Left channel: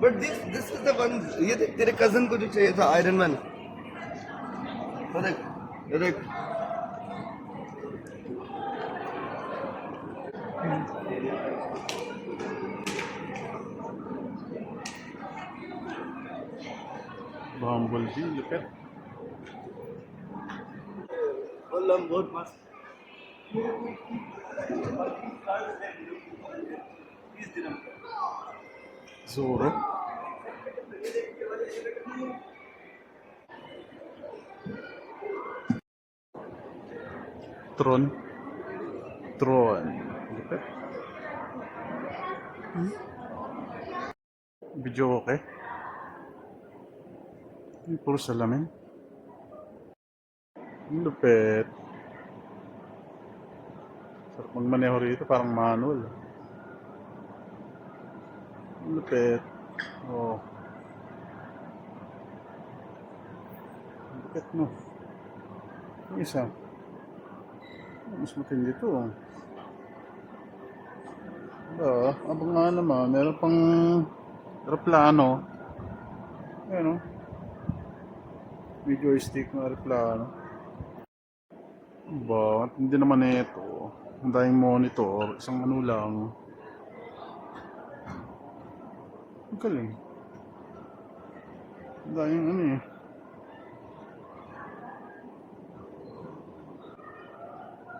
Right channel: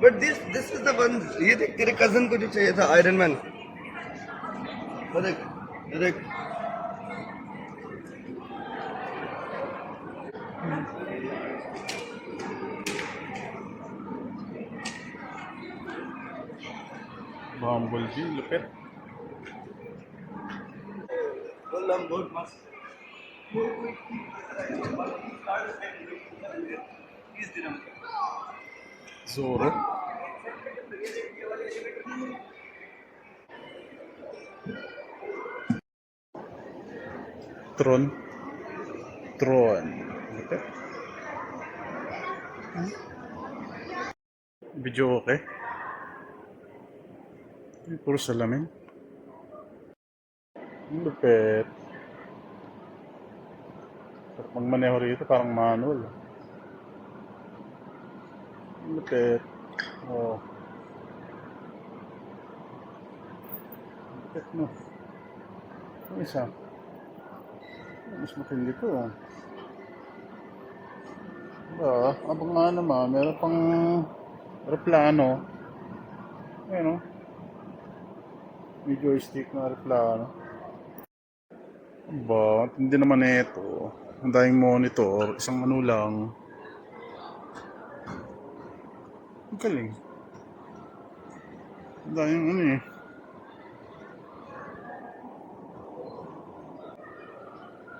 But this is the one. ये देख तेरे cousin को जो चाहिए था Iron Man. ये देख ये देख. Bumblebee, lupit. Walang बहुत मस्त. Zoro. Tron. Lupit. Video okay. Puro salamin. Lupit. Sarap magmaneho rito, parang manual. Lupit. Oh. Lupit mo. Yung isa. Mas matindi to. Abang nga naman, meron pang aeroplano. Ayan o. May joystick na aeroplano. Hindi naman ito. Ang daming monitor, isang ano lang. Ang galing. Ang daming ano eh.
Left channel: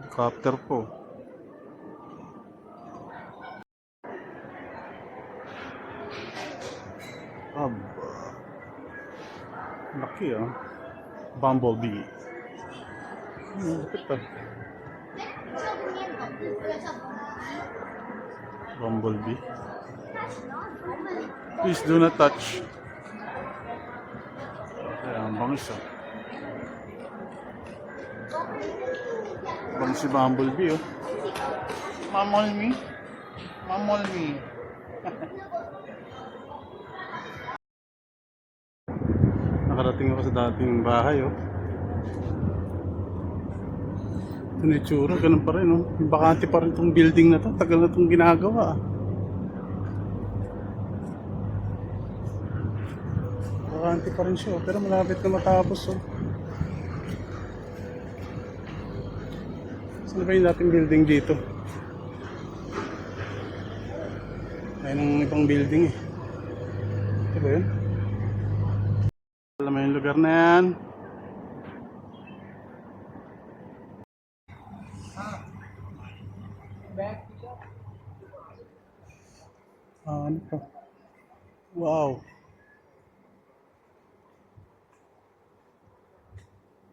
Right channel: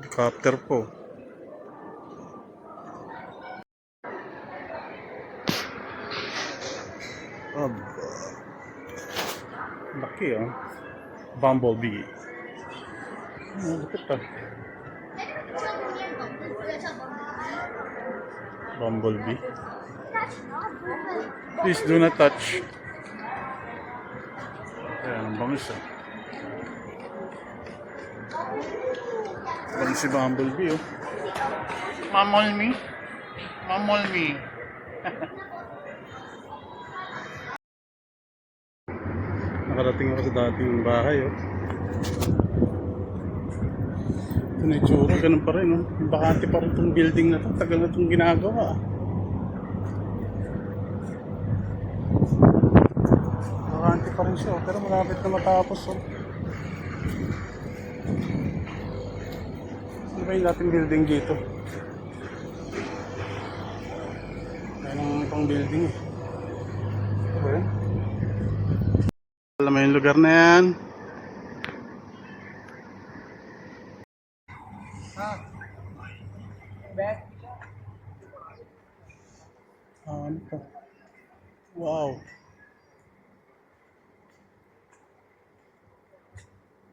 Helicopter po. Laki ah. Bumblebee. Lapit ah. Bumblebee. Please do not touch. Ayan, bangis ah. Bangis si Bumblebee oh. Mamol me. Nakarating ako sa dating bahay oh. Ito na itsura, ganun pa rin oh. Bakante pa rin itong building na to. Tagal na itong ginagawa. Bakante pa rin siya oh. Pero malapit na matapos oh. Saan ba yung dating building dito? May ibang building eh. Ito ba yun? Alam mo yung lugar na yan? Ano pa? Wow!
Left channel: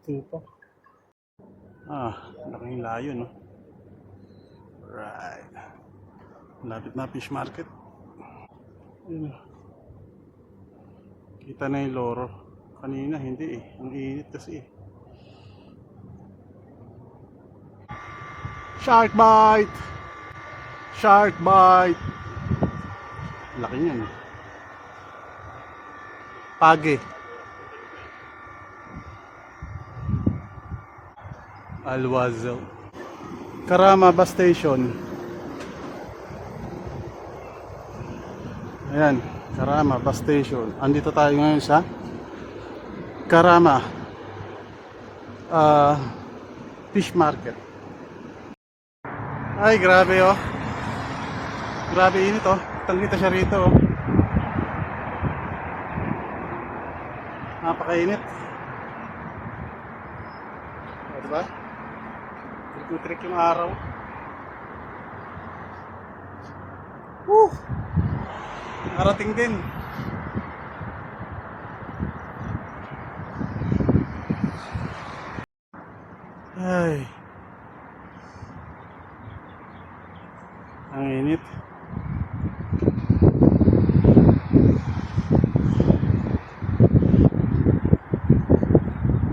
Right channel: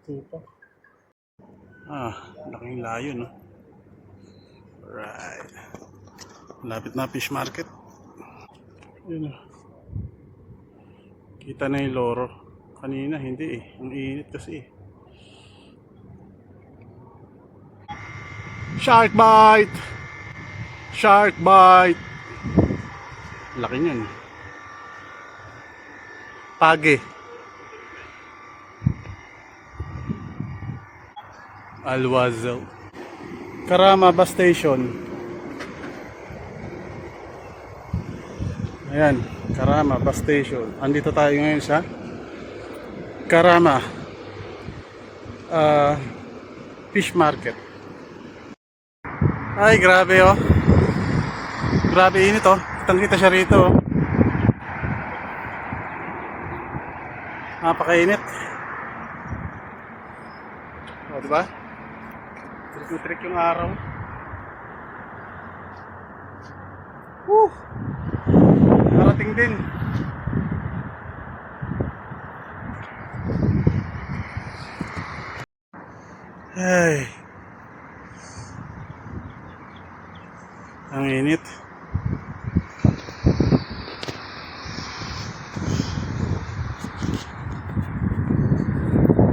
Ito pa. Laking layo no? Right. Malapit na fish market. Yun o. Kita na yung loro. Kanina hindi eh. Ang init kasi eh. Shark bite! Shark bite! Laki niyan. Page. Alwazel. Karama Bus Station. Ayan, Karama Bus Station. Andito tayo ngayon sa Karama Fish Market. Ay, grabe oh. Grabe init oh. Kitang-kita siya rito oh. Napakainit. O, diba? Trik yung araw. Narating din. Ay. Ang init.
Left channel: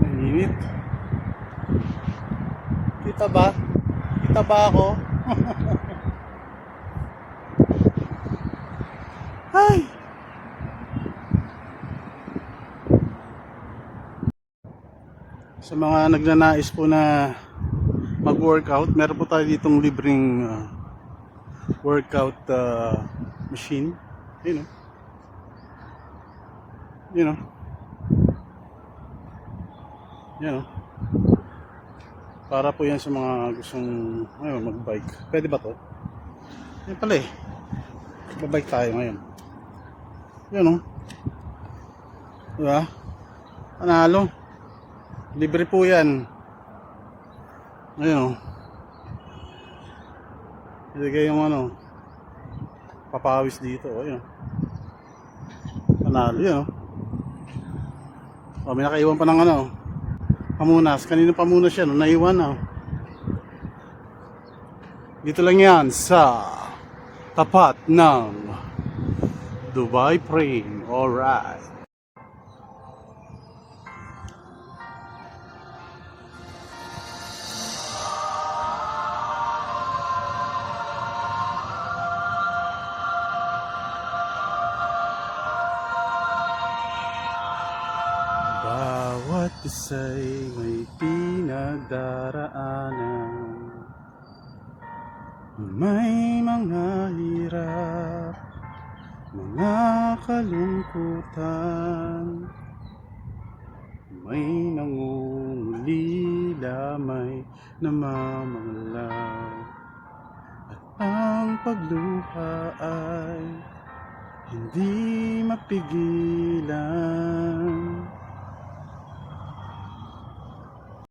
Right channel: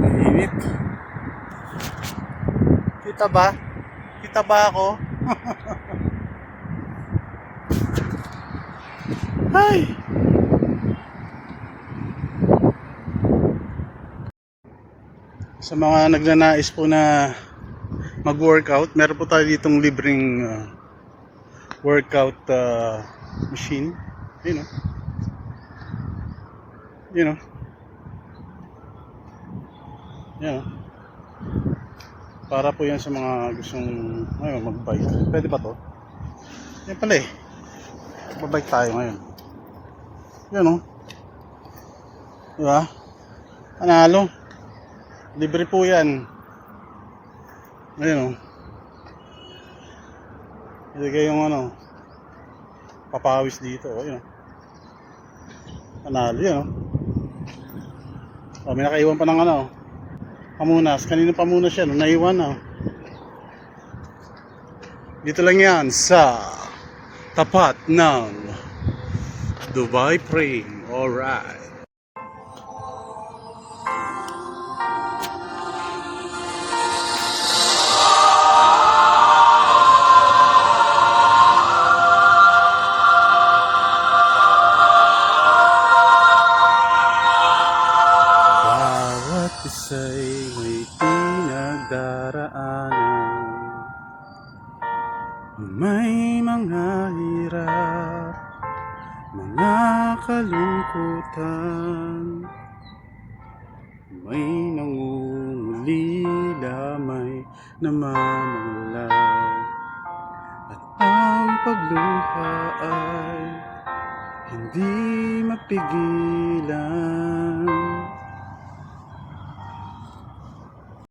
Ang init. Kita ba? Kita ba ako? Ay. Sa mga nagnanais po na mag-workout, meron po tayo ditong libreng workout machine. Ayun, You know. Yan oh. Para po yan sa mga gustong mag-bike. Pwede ba to? Yan pala eh. Mag-bike tayo ngayon. Yan oh. Diba? Panalo. Libre po yan. Ayun oh. Hindi kayong papawis dito. Ayun oh. Panalo yan oh. Oh, may nakaiwan pa ng pamunas. Kanino pamunas yan? Naiwan na. Dito lang yan sa tapat ng Dubai Frame. Alright. Bawat isa'y may pinagdaraanan, may mga hirap, mga kalungkutan, may nangungulila, may namamanglaw, at ang pagluha ay hindi mapigilan.